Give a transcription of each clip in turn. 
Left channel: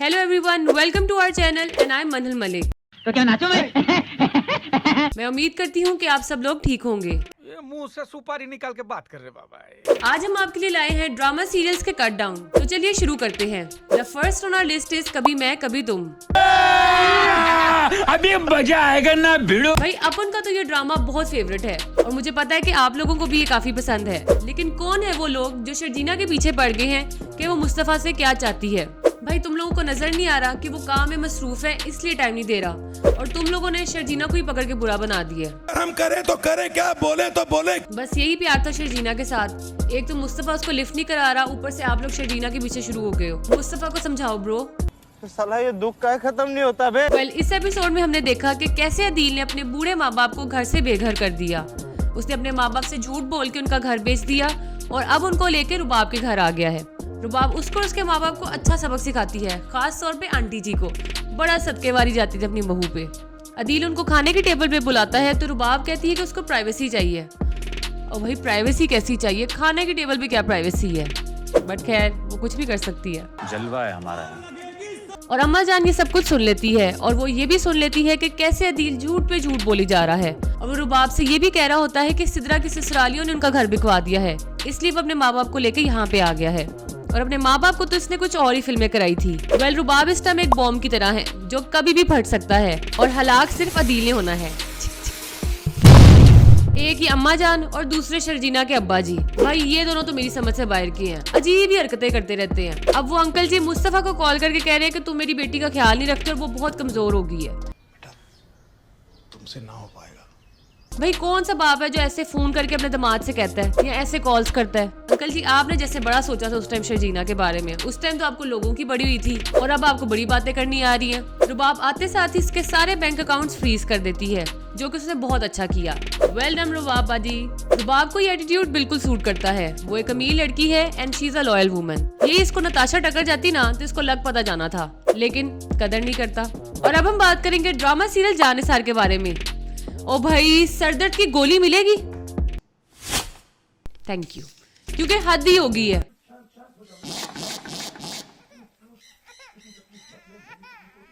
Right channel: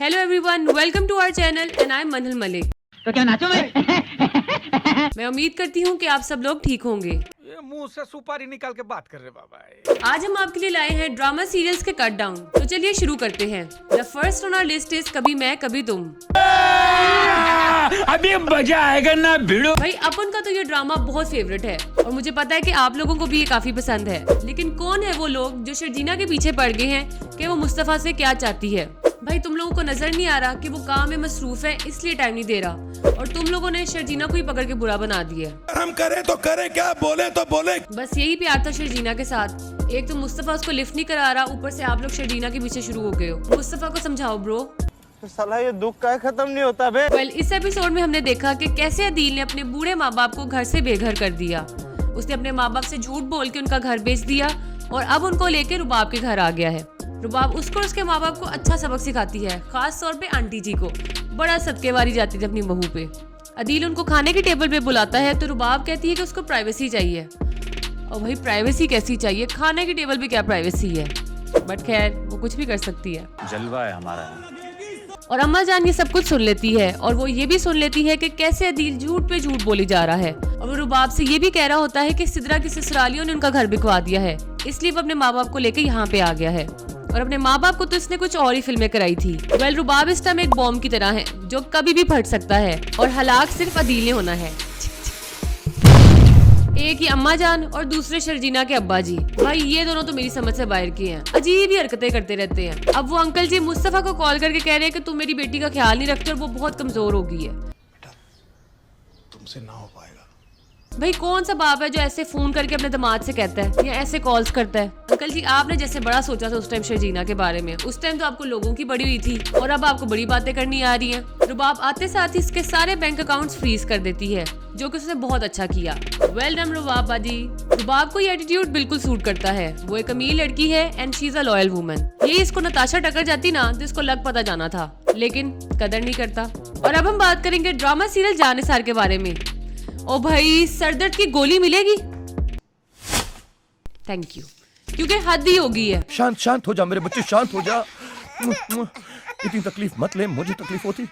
Hello everyone, welcome to our channel and I am Manhal Malik. तो क्या नाचो मैं? मैं उम्मीद करती हूँ कि आप सब लोग ठीक होंगे। ये मुंह से सुपारी निकाल के बात कर रहे बाबा। आज हम आपके लिए लाए हैं ड्रामा सीरियल्स के कट डाउन। तो चलिए शुरू करते हैं। The first on our list is Kabhi Main कभी तुम। अभी मजा आएगा ना भिड़ो। भाई अपन का तो ये ड्रामा बहुत फेवरेट है और मुझे पता है कि आप लोगों को भी ये काफी पसंद है। लेकिन कौन है वो लोग जो शर्जीना के पीछे पड़ गए हैं कि वो मुस्तफा से क्या चाहती है। भाई तुम लोगों को नजर नहीं आ रहा कि वो काम में मसरूफ है, इसलिए टाइम नहीं दे रहा और तुम लोगों ने शर्जीना को ही पकड़ के बुरा बना दिया। हम करें तो करें क्या, बोले तो बोले। बस यही प्यार था शर्जीना के साथ। एक तो मुस्तफा उसको लिफ्ट नहीं करा रहा, ऊपर से आप लोग शर्जीना के पीछे शुरू हो गए हो। मुस्तफा को समझाओ ब्रो। साला ये दुख का खत्म नहीं होता बे। इस एपिसोड में हमने देखा कि कैसे अदील ने अपने बूढ़े माँ बाप को घर से बेघर कर दिया। उसने अपने माँ बाप से झूठ बोल के उनका घर बेच दिया और अब उनको लेकर रुबाब के घर आ गया है। रुबाब उसको उसके माँ बाप को अच्छा सबक सिखाती है, खास तौर पे आंटी जी को। बड़ा सबके वारी जाती थी अपनी बहू पे। अदील उनको खाने की टेबल पे बुलाता है तो रुबाब कहती है कि उसको प्राइवेसी चाहिए। और भाई प्राइवेसी कैसी चाहिए, खाने की टेबल पे क्या प्राइवेसी है। बट खैर वो कुछ भी कर सकती है, जलवा है हमारा। और अम्मा जान ये सब कुछ सुन लेती है और वो ये भी सुन लेती है कि कैसे अदील झूठ पे झूठ बोली जा रहा है। और वो रुबाब से ये भी कह रहा होता है कि सिद्रा की ससुरालियों ने उनका घर बिकवा दिया है, इसलिए वो अपने माँ बाप को लेकर यहाँ पे आ गया है। और अपने माँ बाप को तो इसने कुछ और ही फिल्में कराई थी। रुबाब इस टाइम एक बॉम्ब की तरह है जो कभी भी फट सकता है और हलाक सिर्फ अदील ने होना है। एक ही अम्मा जान और दूसरे शर्जीना के अब्बा जी। भाई ये दोनों तो मेरी समझ से बाहर की हैं। अजीब ही हरकतें करते रहते हैं। अब वो अंकल जी मुस्तफा को कॉल करके कह रहे हैं कि तुम मेरी बेटी का ख्याल नहीं रखते और वो बहुत कमजोर हो गई है। तुमसे ना हो पाएगा। भाई कौन सा बाप है जो ऐसे फोन करके अपने दामाद से कहता है या ऐसे कॉल्स करता है। अंकल जी आपने जैसे बड़ा सोचा था उस टाइम शर्जीना के बारे में। उस टाइम तो आपको लोगों की बड़ी हुई थी और अब आपको बड़ी बातें करनी आ रही हैं। रुबाब आते साथ ही इसके सारे बैंक अकाउंट्स फ्रीज कर देती है, जो कि उसने बहुत अच्छा किया। वेल डन रुबाब बाजी। रुबाब को ये एटीट्यूड बिल्कुल सूट करता है। वो एक अमीर लड़की है and she is a loyal woman. ये इसको नताशा टक्कर जाती ना तो इसको लग पता जाना था, लेकिन कदर नहीं करता। और अब हम बात करेंगे ड्रामा सीरियल जानिसार के बारे में। ओ भाई सरदर्द की गोली मिलेगी। थैंक यू, क्योंकि हद ही हो गई है। शांत शांत हो जा मेरे बच्चे, शांत हो जा। इतनी तकलीफ मत ले, मुझे तकलीफ होती।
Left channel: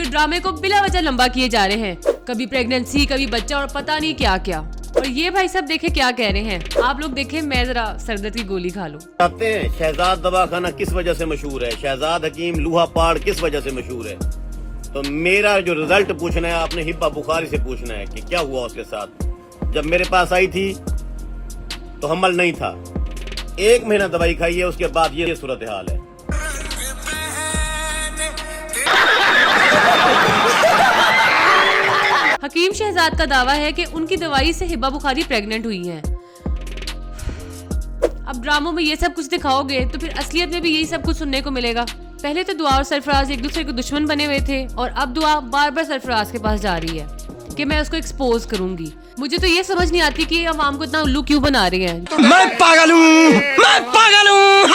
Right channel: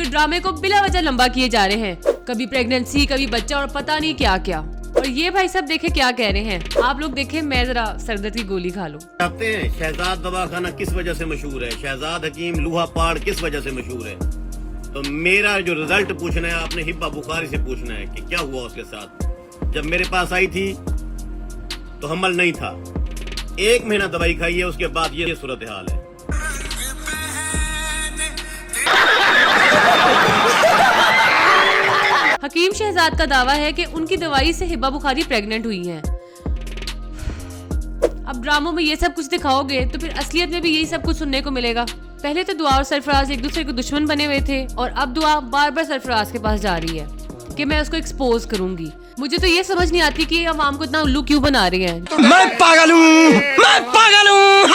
ड्रामे को बिला वजह लंबा किए जा रहे हैं। कभी प्रेगनेंसी, कभी बच्चा और पता नहीं क्या क्या। और ये भाई सब देखे क्या कह रहे हैं। आप लोग देखे, मैं जरा सरदर्द की गोली खा लूं। जानते हैं शहजाद दवाखाना किस वजह से मशहूर है? शहजाद हकीम लूहा पाड़ किस वजह से मशहूर है? तो मेरा जो रिजल्ट पूछना है आपने हिब्बा बुखारी से पूछना है कि क्या हुआ उसके साथ। जब मेरे पास आई थी तो हमल नहीं था। 1 महीना दवाई खाई है, उसके बाद ये सूरत हाल है। हकीम शहजाद का दावा है कि उनकी दवाई से हिब्बा बुखारी प्रेग्नेंट हुई है। अब ड्रामों में ये सब कुछ दिखाओगे तो फिर असलियत में भी यही सब कुछ सुनने को मिलेगा। पहले तो दुआ और सरफराज एक दूसरे को दुश्मन बने हुए थे और अब दुआ बार बार सरफराज के पास जा रही है कि मैं उसको एक्सपोज करूंगी। मुझे तो ये समझ नहीं आती कि अवाम को इतना उल्लू क्यों बना रहे हैं। मैं पागल हूँ।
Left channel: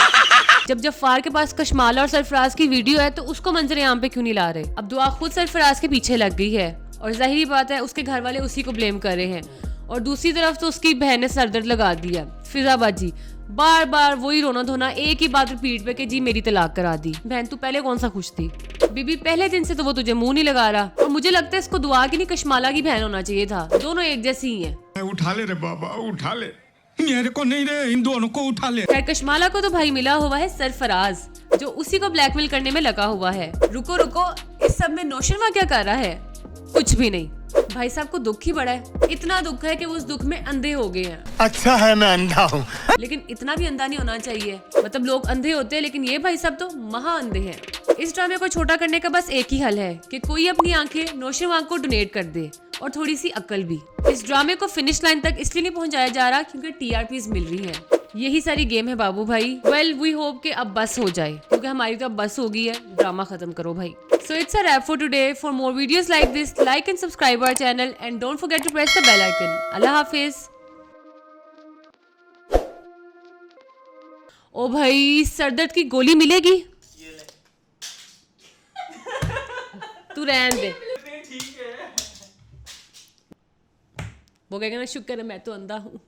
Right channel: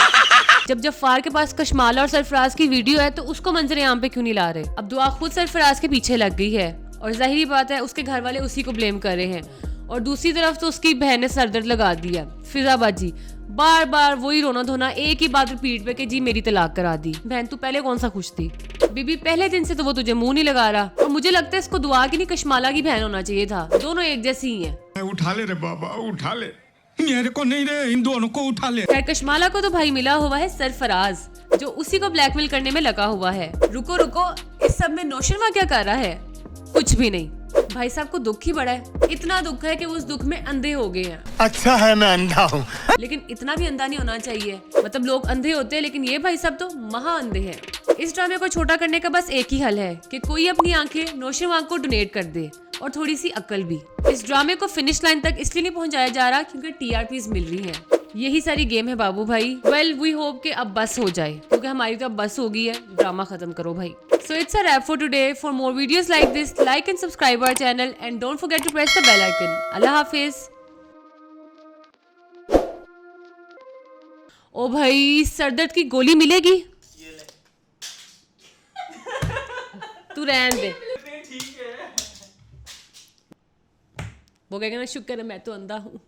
जब जफ़ार के पास कशमाला और सरफराज की वीडियो है तो उसको मंजर आम पे क्यों नहीं ला रहे। अब दुआ खुद सरफराज के पीछे लग गई है और जाहिर बात है उसके घर वाले उसी को ब्लेम कर रहे हैं। और दूसरी तरफ तो उसकी बहन ने सरदर्द लगा दिया। फिजाबाजी, बार बार वही रोना धोना, एक ही बात रिपीट पे कि जी मेरी तलाक करा दी। बहन तू पहले कौन सा खुश थी? बीबी पहले दिन से तो वो तुझे मुंह नहीं लगा रहा। और मुझे लगता है इसको दुआ की नहीं कशमाला की बहन होना चाहिए था। दोनों एक जैसी ही है। उठा ले रे बाबा, उठा ले। मेरे को नहीं रे, इन दोनों को उठा ले। कशमाला को तो भाई मिला हुआ है सरफराज, जो उसी को ब्लैकमेल करने में लगा हुआ है। रुको रुको, इस सब में नौशरमा क्या कर रहा है? कुछ भी नहीं। भाई साहब को दुख ही बड़ा है। इतना दुख है कि वो उस दुख में अंधे हो गए हैं। अच्छा है मैं अंधा हूँ। लेकिन इतना भी अंधा नहीं होना चाहिए। मतलब लोग अंधे होते हैं लेकिन ये भाई साहब तो महा अंधे हैं। इस ड्रामे को छोटा करने का बस एक ही हल है कि कोई अपनी आंखें नौशरमा को डोनेट कर दे और थोड़ी सी अक्ल भी। इस ड्रामे को फिनिश लाइन तक इसलिए नहीं पहुंचाया जा रहा क्योंकि टीआरपीज मिल रही है। यही सारी गेम है बाबू भाई। वेल वी होप कि अब बस हो जाए, क्योंकि हमारी तो अब बस हो गई है। ड्रामा खत्म करो भाई। So it's a wrap for today. For more videos like this, like and subscribe our channel and don't forget to press the bell icon. Allah Hafiz. ओ भाई सरदर्द की गोली मिलेगी? तू रहने दे। वो कहेगा ना शुक्र है मैं तो अंधा हूँ।